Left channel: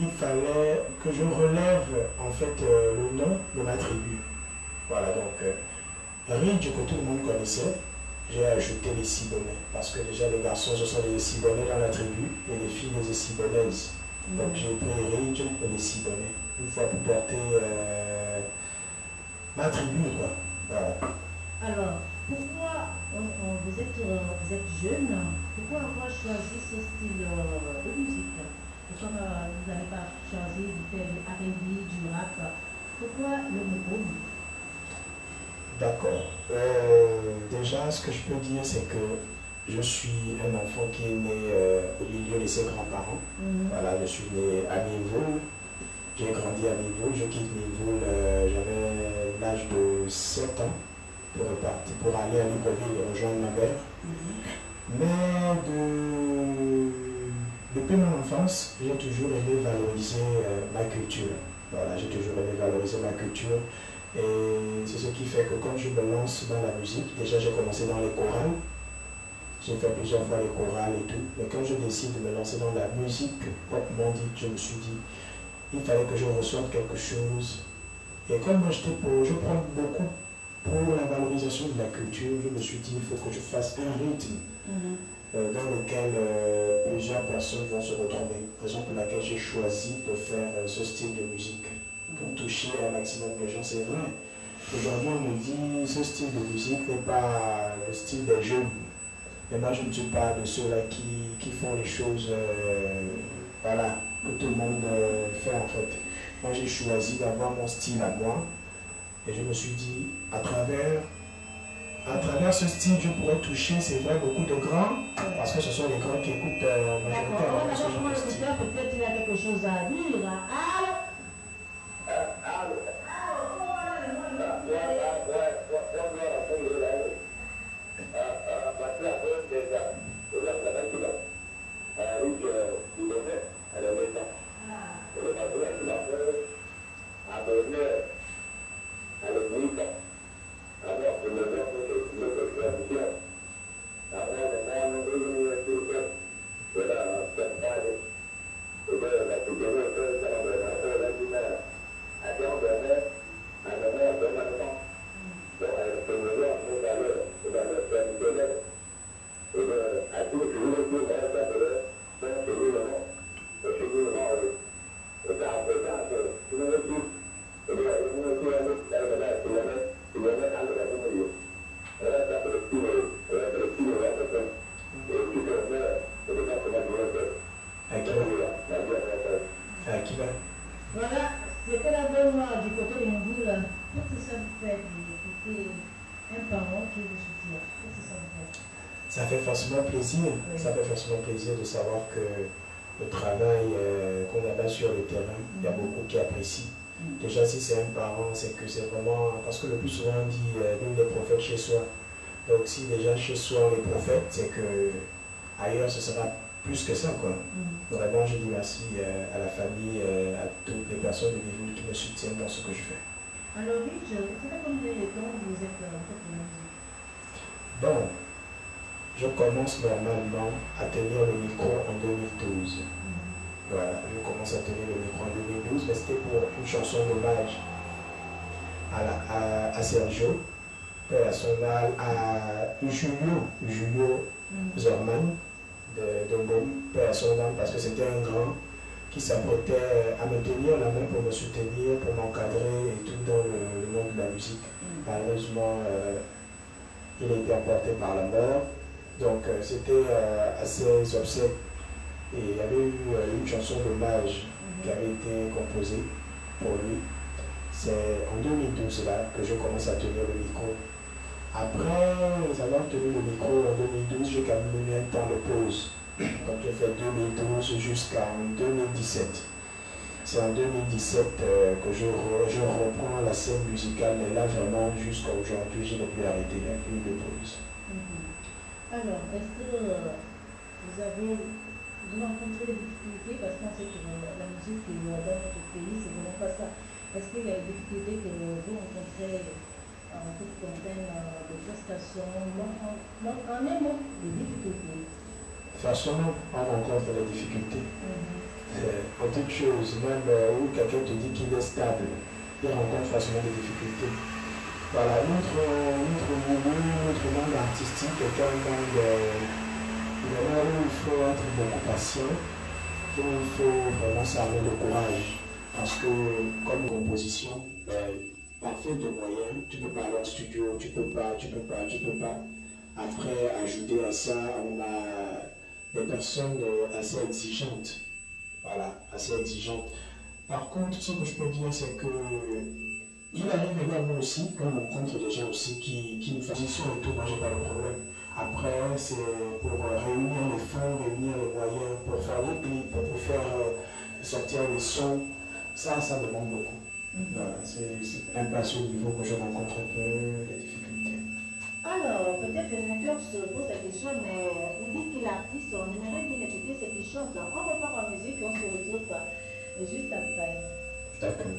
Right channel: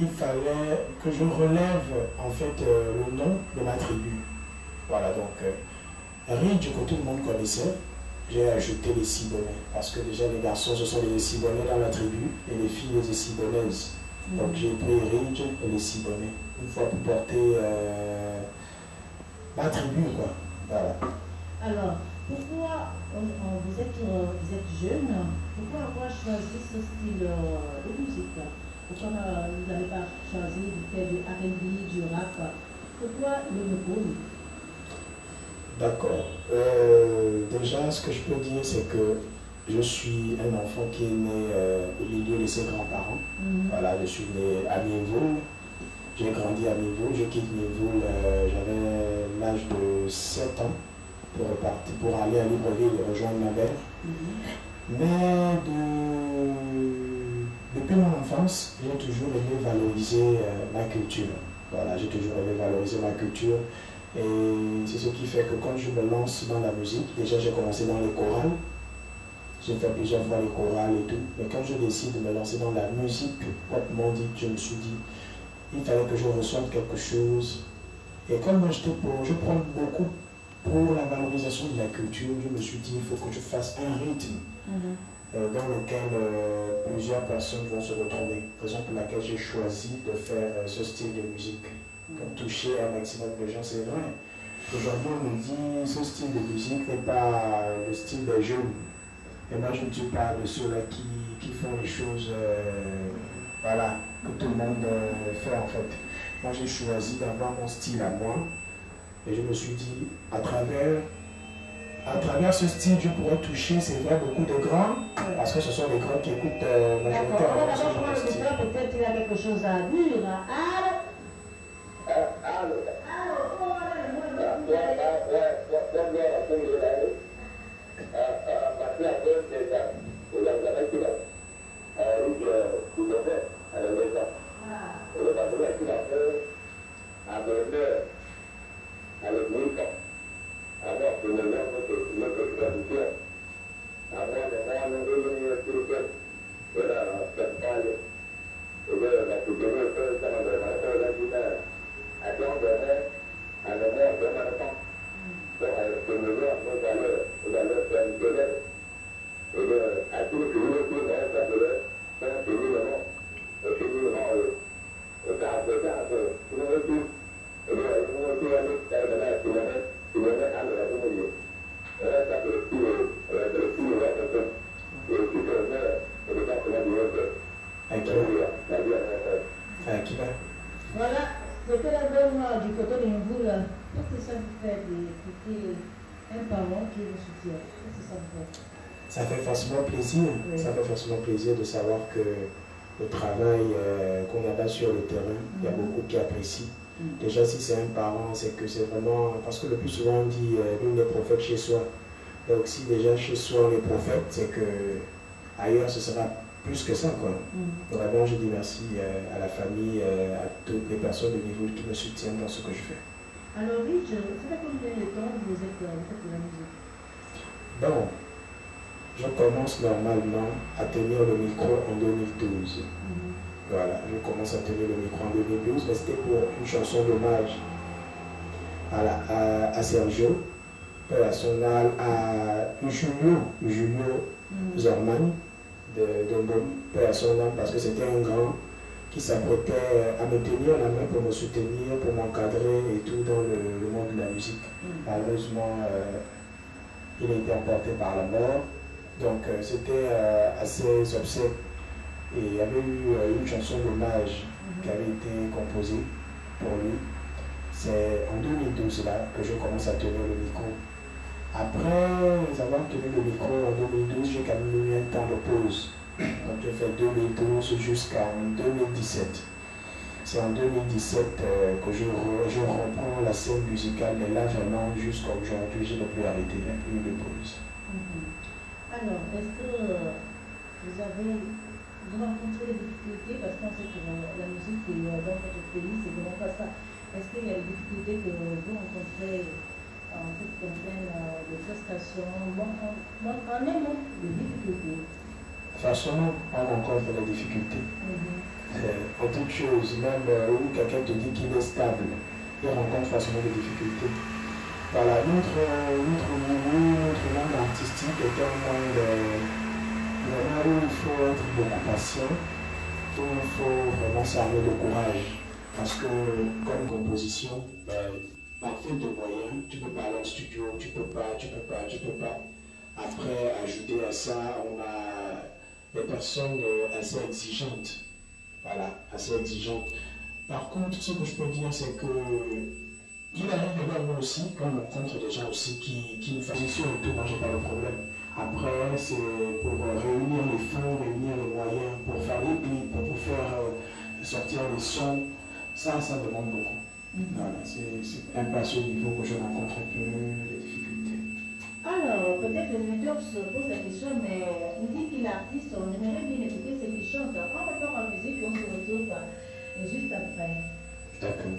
il fallait que je relève en fait le nom de ma tribu. Voilà, donc Ridge, que tout le monde connaissait, j'ai ajouté les Sibonnais, parce que déjà les garçons, ce sont les Sibonnais dans la tribu, et les filles, les Sibonnaises. Donc j'ai pris Ridge et les Sibonnais, une fois pour porter ma tribu, quoi. Voilà. Alors, pourquoi vous êtes jeune, pourquoi avoir choisi ce style de musique? Pourquoi vous n'avez pas choisi de faire du R&B, du rap? Pourquoi le Mougoum? D'accord. Déjà, ce que je peux dire, c'est que je suis un enfant qui est né au milieu de ses grands-parents. Voilà, je suis né à Miévoul. J'ai grandi à Miévoul. Je quitte Miévoul, j'avais l'âge de 7 ans pour aller à Libreville et rejoindre ma mère. Mais depuis mon enfance, j'ai toujours aimé valoriser ma culture. Voilà, j'ai toujours aimé valoriser ma culture. Et c'est ce qui fait que quand je me lance dans la musique, déjà j'ai commencé dans les chorales. J'ai fait plusieurs fois les chorales et tout. Mais quand je décide de me lancer dans la musique proprement dite, je me suis dit, il fallait que je reçoive quelque chose. Et comme moi je prends beaucoup pour la valorisation de la culture, je me suis dit, il faut que je fasse un rythme dans lequel plusieurs personnes vont se retrouver. Raison pour laquelle j'ai choisi de faire ce style de musique pour toucher un maximum de gens. C'est vrai. Aujourd'hui, on me dit, ce style de musique n'est pas le style des jeunes. Et moi, je ne suis pas de ceux-là qui font les choses voilà, que tout le monde fait en fait. Moi, j'ai choisi d'avoir mon style à moi. Et je me suis dit, à travers ce style, je pourrais toucher, c'est vrai, beaucoup de grands, parce que ce sont les grands qui écoutent majoritairement ce genre de style. Peut-être qu'il a quelque chose à dire. Voilà, c'était la bonne noire du côté de Mboul. Qu'est-ce que ça vous fait d'écouter un parent qui vous soutient? Qu'est-ce que ça vous fait? Ça fait forcément plaisir. Oui. Ça fait forcément plaisir de savoir que le travail qu'on a sur le terrain, il y a beaucoup qui apprécient. Déjà, si c'est un parent, c'est que c'est vraiment... Parce que le plus souvent, on dit nous les prophètes chez soi. Donc, si déjà chez soi, on est prophète, c'est que ailleurs, ce sera plus que ça, quoi. Vraiment, je dis merci à la famille, à toutes les personnes de niveau qui me soutiennent dans ce que je fais. Alors, Rich, ça fait combien de temps que vous êtes en fait de la musique? Bon, je commence normalement à tenir le micro en 2012. Voilà, je commence à tenir le micro en 2012, mais c'était pour une chanson d'hommage à Sergio, à son âme, à Julio Zorman de Mbom, à son âme, parce que c'était un grand qui s'apprêtait à me tenir la main pour me soutenir, pour m'encadrer et tout dans le monde de la musique. Malheureusement, il a été emporté par la mort, donc c'était assez obsèques. Et il y avait eu une chanson d'hommage qui avait été composée pour lui. C'est en 2012 là que je commence à tenir le micro. Après avoir tenu le micro en 2012, j'ai quand même eu un temps de pause. Donc j'ai fait 2012 jusqu'en 2017. C'est en 2017 que je reprends la scène musicale, mais là vraiment jusqu'à aujourd'hui, je n'ai plus arrêté, il n'y a plus de pause. Alors, est-ce que vous avez rencontré des difficultés, parce qu'on sait que la musique dans notre pays, c'est vraiment pas ça. Est-ce qu'il y a des difficultés que vous rencontrez en ce qui concerne les prestations, en un mot, des difficultés? Forcément, on rencontre des difficultés. en toute chose, même où quelqu'un te dit qu'il est stable, il rencontre facilement des difficultés. Voilà, notre milieu, notre monde artistique est un monde vraiment où il faut être beaucoup patient, où il faut vraiment s'armer le courage. Parce que comme composition, par faute de moyens, tu peux pas aller en studio, tu peux pas. Après, ajouter à ça, on a des personnes assez exigeantes. Voilà, assez exigeantes. Par contre, ce que je peux dire, c'est que il arrive également aussi qu'on rencontre des gens aussi qui nous font position et tout, moi j'ai pas de problème. Après, c'est pour réunir les fonds, réunir les moyens, pour faire les clips, pour faire sortir les sons, ça me manque beaucoup. Voilà, c'est un peu à ce niveau que je rencontre un peu les difficultés. Alors, peut-être les auditeurs se posent la question, mais on dit qu'il est artiste, on aimerait bien écouter ce qu'il chante. On repart en musique, on se retrouve juste après. D'accord.